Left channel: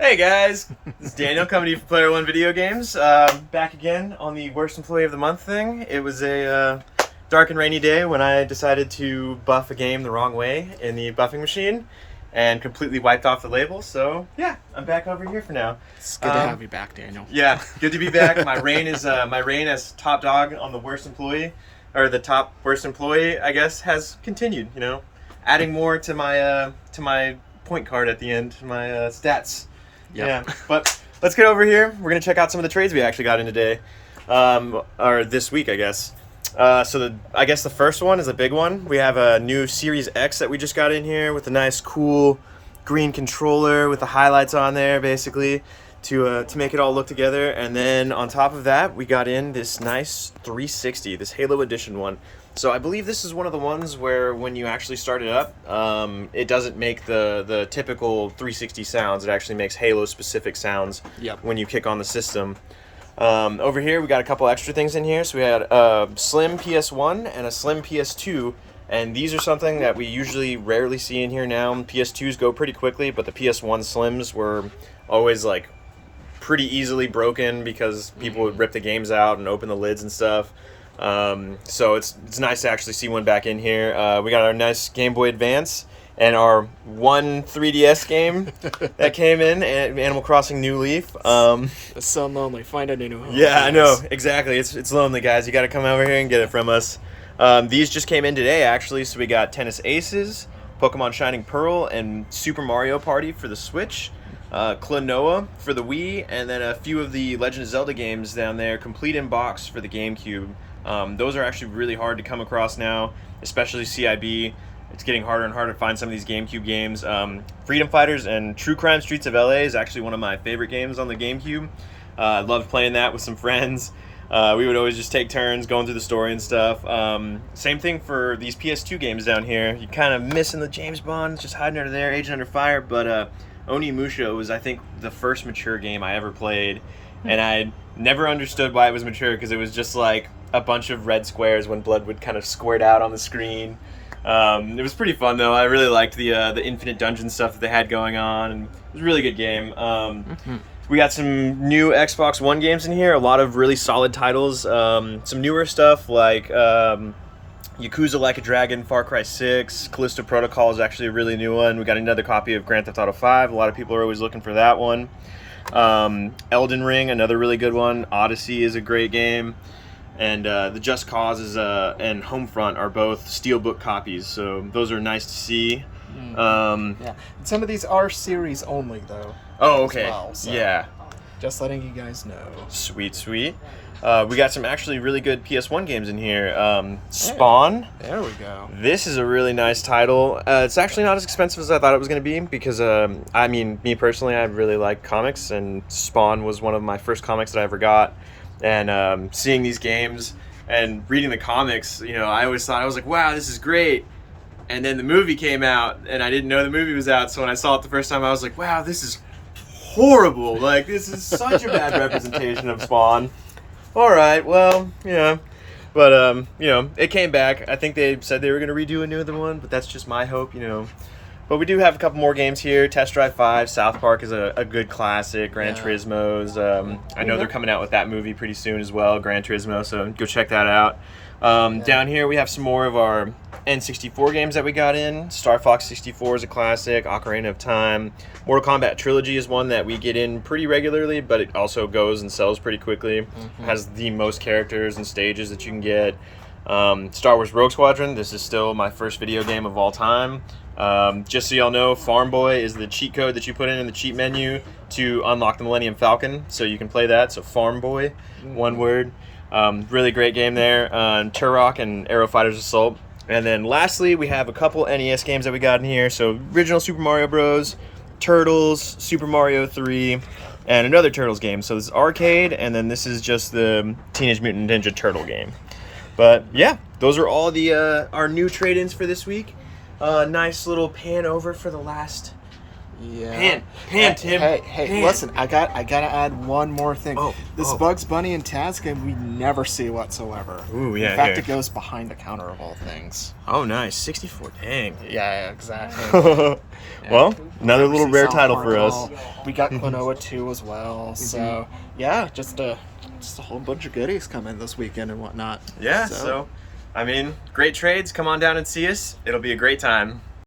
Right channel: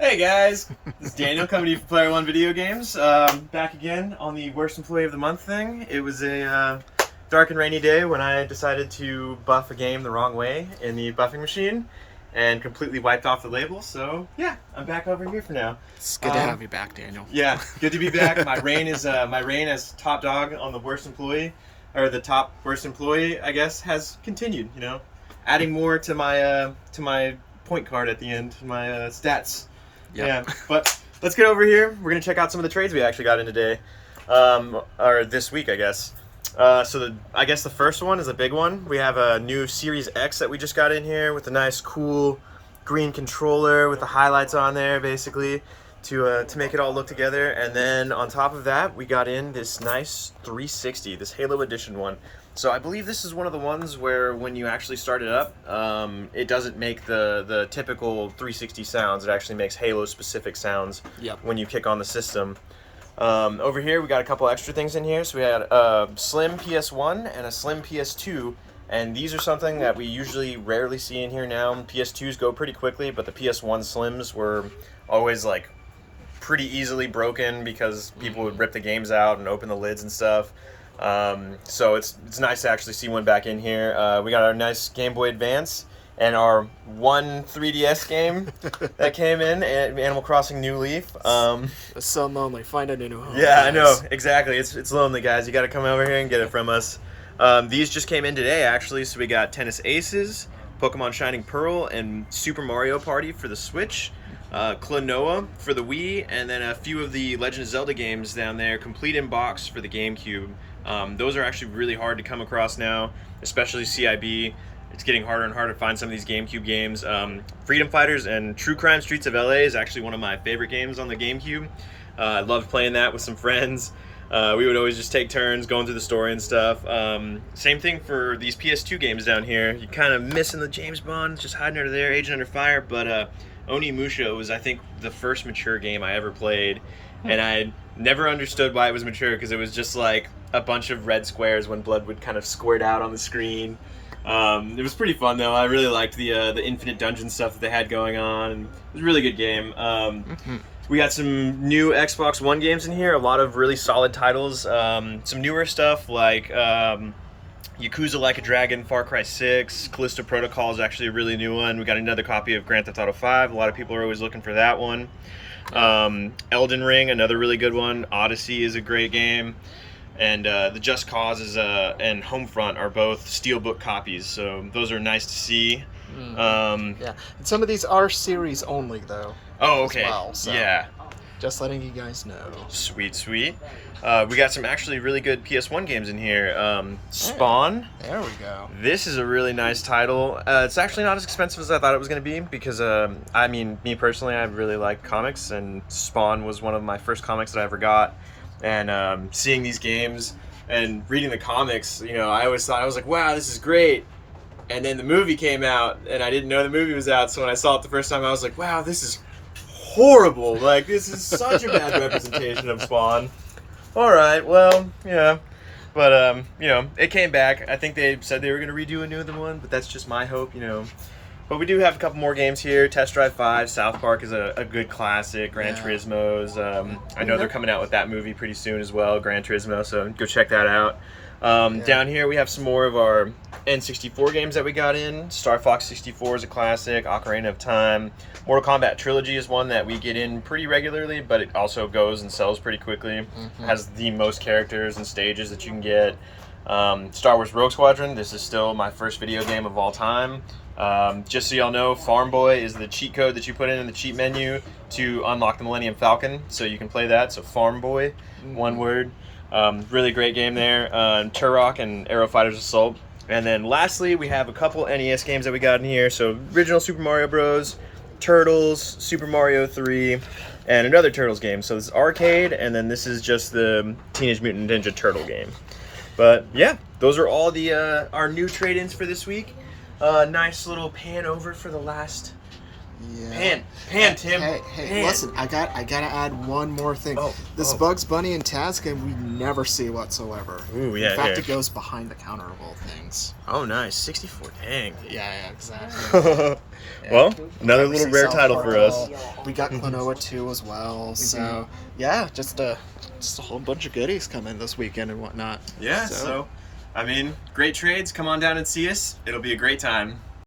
Hey guys, this is Daniel coming to you from Player One Video Games. Back again on the Worst Employee of the Month thing. It was a dark and rainy day when I decided to buff a game the wrong way in the buffing machine and completely wiped off the label. So yeah, I'm back over here for now. It's good to have you back, Daniel. Yeah, good to be back. My reign as top dog on the worst employee, or the top worst employee, I guess, has continued. You know, adding more to my point card at the end, my stats. Yep. Yeah, but let's get over here. We're going to check out some of the trades we actually got in today. Or this week, I guess. I guess the first one is a big one. We have a new Series X that we just got in here with a nice, cool green controller with the highlights on there, basically, to make it all look together. And then on top of that, we got in this nice 360, this Halo Edition one. So I believe this is one of the ones where when you actually start it up, it doesn't make the typical 360 sounds. It actually makes Halo-specific sounds when you kick on the system. Over here, we got a couple extra things in here. So we had a slim PS1 and a slim PS2. And these are something that we usually rarely see in here now. PS2s go pretty quickly, but the PS1 slims were always like pretty easily broken because people would rip the games out and open the lids and stuff. So it's nice to actually see one back in here. We got our nice Game Boy Advance and our one 3DS game that came in, Animal Crossing New Leaf. It's so lonely. Find a new home. Yeah, I know, exactly. It's lonely, guys. You got to come over here and get it from us. These just came in today, actually. So we got Tennis Aces, Pokemon Shining Pearl, and Super Mario Party for the Switch. Klonoa for the Wii, and then a few of the Legend of Zelda games down there, complete in box for the GameCube. Those are actually really hard to come across now, especially CIB. It's getting harder and harder to find some of these GameCube games. Freedom Fighters and True Crime Streets of LA is actually one of my favorite games on the GameCube. I love playing that with some friends. We would always just take turns going through the story and stuff. Same thing for these PS2 games down here. You're kind of missing the James Bond, just hiding under there, Agent Under Fire, but Onimusha was, I think, the first mature game I ever played, and I never understood why it was mature, because it was just like a bunch of red squares when blood would kind of squirt out on the screen. It was pretty fun, though. I really liked the infinite dungeon stuff that they had going on, and it was a really good game. We got some new Xbox One games in here, a lot of really solid titles, some newer stuff like Yakuza Like a Dragon, Far Cry 6, Callisto Protocol is actually a really new one. We got another copy of Grand Theft Auto 5. A lot of people are always looking for that one. Elden Ring, another really good one. Odyssey is a great game. And the Just Cause and Homefront are both Steelbook copies, so those are nice to see. Yeah, and some of these are series only, though. Oh, okay. As well, so yeah. Just letting you guys know. Sweet, sweet. We got some actually really good PS1 games in here. Spawn. Hey, there we go. This is a really nice title. It's actually not as expensive as I thought it was going to be because, I mean, me personally, I really like comics, and Spawn was one of my first comics that I ever got. And seeing these games and reading the comics, you know, I always thought, I was like, wow, this is great. And then the movie came out, and I didn't know the movie was out, so when I saw it the first time, I was like, wow, this is horrible. Like, this is such a bad representation of Spawn. All right, well, yeah. But, you know, it came back. I think they said they were going to redo another one, but that's just my hope, you know. But we do have a couple more games here. Test Drive 5, South Park is a good classic. Gran Turismo's. I know they're coming out with that movie pretty soon as well, Gran Turismo, so go check that out. Down here we have some more of our N64 games that we got in. Starfox 64 is a classic. Ocarina of Time. Mortal Kombat Trilogy is one that we get in pretty regularly, but it also goes and sells pretty quickly. Has the most characters and stages that you can get. Star Wars Rogue Squadron. This is still my first video game of all time. Just so y'all know, Farm Boy is the cheat code that you put in the cheat menu to unlock the Millennium Falcon, so you can play that. So Farm Boy, one word. Really great game there. Turok and Aero Fighters Assault. And then lastly, we have a couple NES games that we got in here. So original Super Mario Bros., Turtles, Super Mario 3, and another Turtles game. So this is arcade, and then this is just the Teenage Mutant Ninja Turtle game. But yeah, those are all the our new trade-ins for this week. Nice little pan over for the last Yeah. Tim. Hey, Pan. listen, I gotta add one more thing. Oh, This Bugs Bunny and Taz game we never see whatsoever. Ooh, yeah, In fact, here. it goes behind the counter of all things. Oh, nice. 64. Dang. Yeah, exactly. Yeah. Well, another Never little see rare South title Park for at us. all. We got Klonoa 2 as well. So, yeah, just a whole bunch of goodies coming this weekend and whatnot. Yeah, so I mean, great trades. Come on down and see us. It'll be a great time.